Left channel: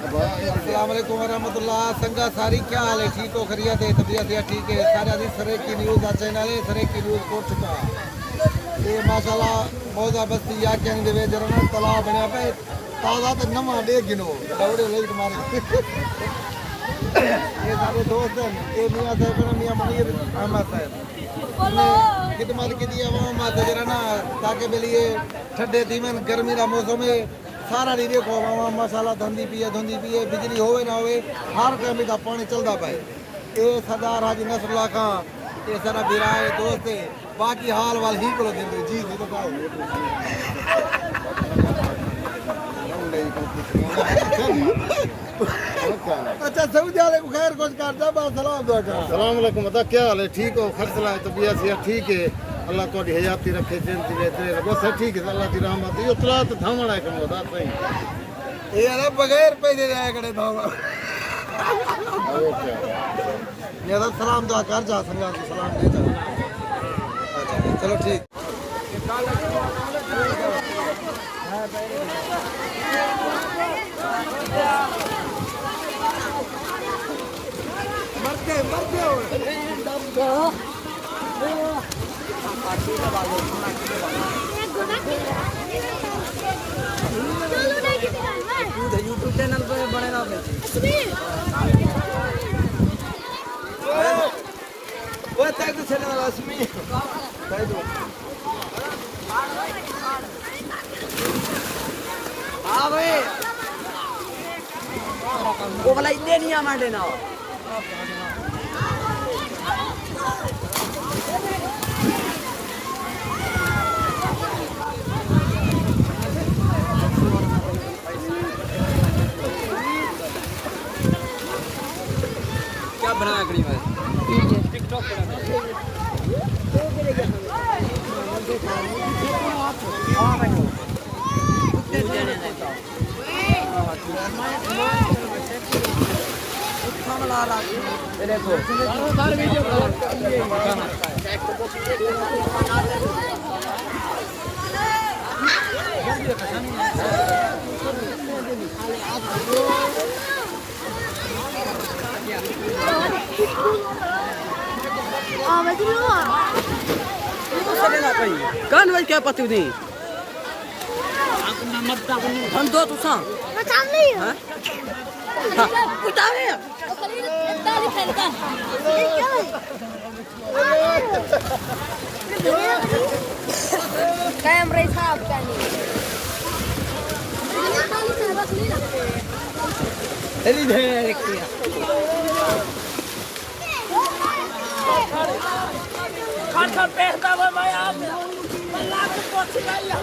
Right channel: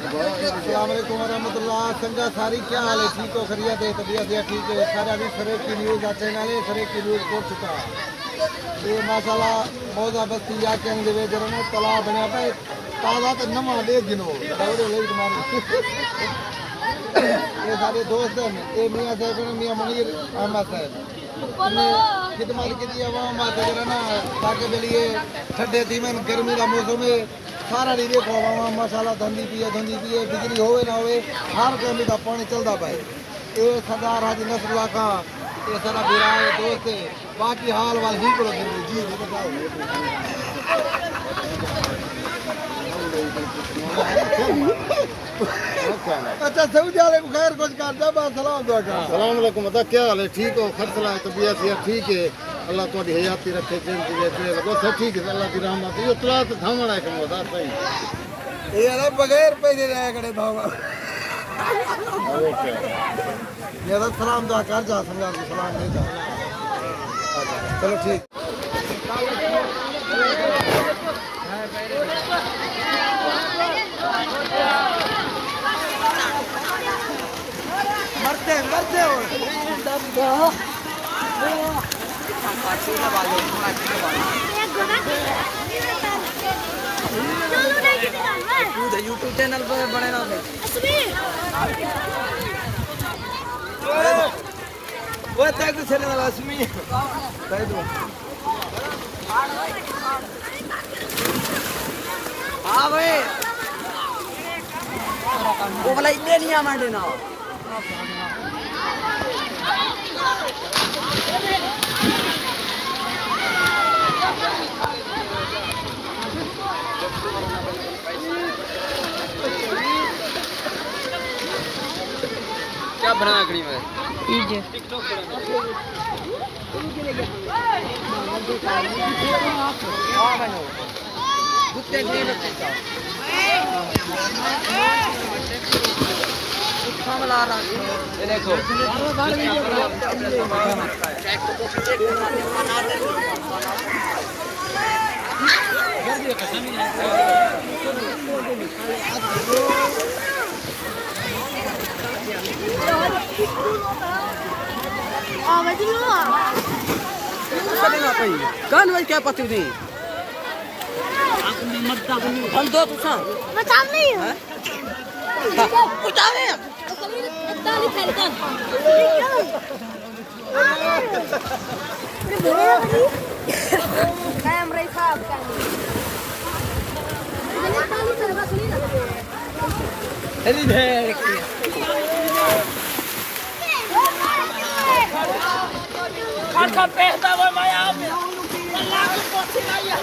अस्सलाम वालेकुम वरहमतुल्लाह। संगा सारी क्या हाल है? ठीक हो? खैरियत है? तबीयत है? ठीक है? सारे अभी सरे की न्यूज़ आ चैनल है, सरे की न्यूज़ पहुंच चुका ये माशाल्लाह मौजा बस्ती या क्या नहीं देवे जरा ना तालाब बनया पे ताज़ा तो नवा दे गिनो दौड़े ले तुम्हारे ये सारे दोस्त हैं। ये मियां साहब को मियां मुनीर अहमद साहब खिदमत की दी आवाम आते जरा ना ताकि बेलिए ठंडे दीवन गर्मी का मौसम है सारा डी देखो आवाम माशाल्लाह धंधी पिए बिजली होवे ना होवे हर टाइम का पानी चलता पाए। ये सरदार हाजी नसरुल्लाह खां ये सारा बिरा है दोस्त है। बाकी हाल वाल ही करो दिन जी जी बताओ। अच्छा सऊदी वाले को खैर कुछ करता बस सलाम दुआ कर। सलाम अलैकुम बता क्या हाल है? ठीक हो? खर्चला तबीयत या ठीक है? अल्लाह थोड़ी हयाती रखे जिंदगी दे बस ठीक है अल्लाह की रहमत यो तला तो थामना है कमो दा सही ये ना बगैर पैसे जाया करे धावा ओके ये तो सलाम दुआ कर जा संगा को सलाम दे जा। चलो ठीक मरते मरते हो यूट्यूब चैनल पर बनेगा वो तक चलने वाला असमी कह दो। हाँ भाई वो वाला इतने नहीं हमारे ना क्या बनाया कड़ी में टिकटॉक ये देखो कान भाई क्या पता नहीं हम दो तू सा बता नहीं है उतारे कैमरे साहब तेरी दे अच्छा पहला वो मैं आप अल्लाह को पहुंच गई है